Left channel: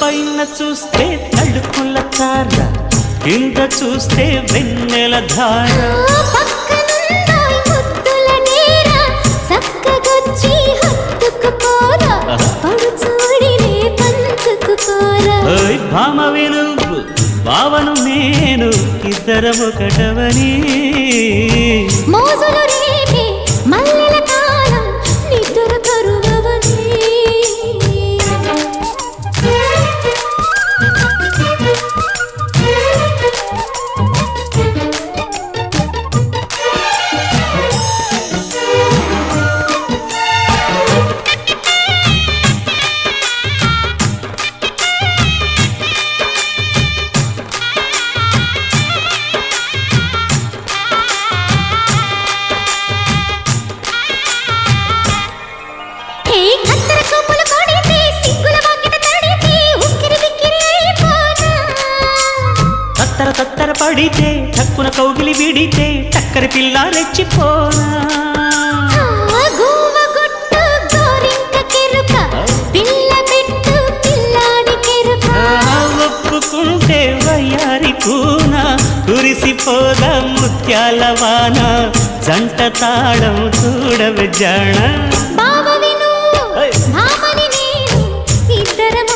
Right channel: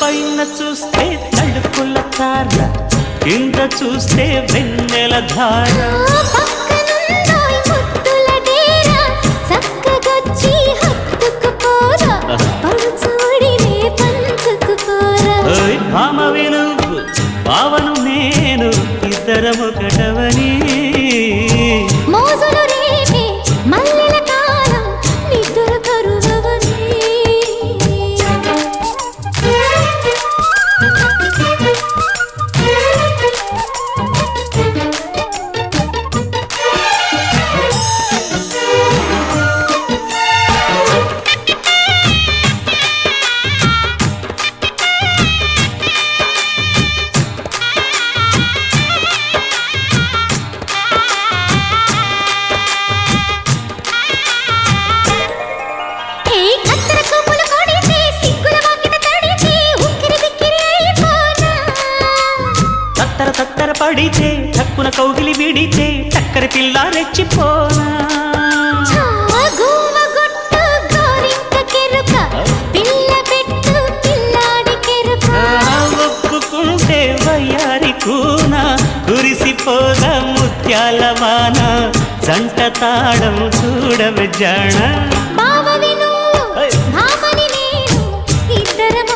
పైన చూస్తే తడుకుల తార, కింద చూస్తే వెన్నెల ధార. పక్కనుందోయ్ ముద్దుల డేరా, చక్కగొచ్చి హత్తుకుపోరా, పడుచూడినే పంచుకుపోరా. ఓయ్ భామ విలువు భావను నేను, ఇద్దరమొకటవని. మోజులు రేపే మల్లెల కాలం, నిద్ర కరువవని. తత్తర తత్తర పడితే టక్కున కౌగిలి విడితే టక్కరి పిల్ల రెచ్చిపోనా. ఒప్పుకుంటే వయ్యారి కూన, కురిసిపోదా ముత్యాల వాన, జంట తాళం చూడవే జాణ.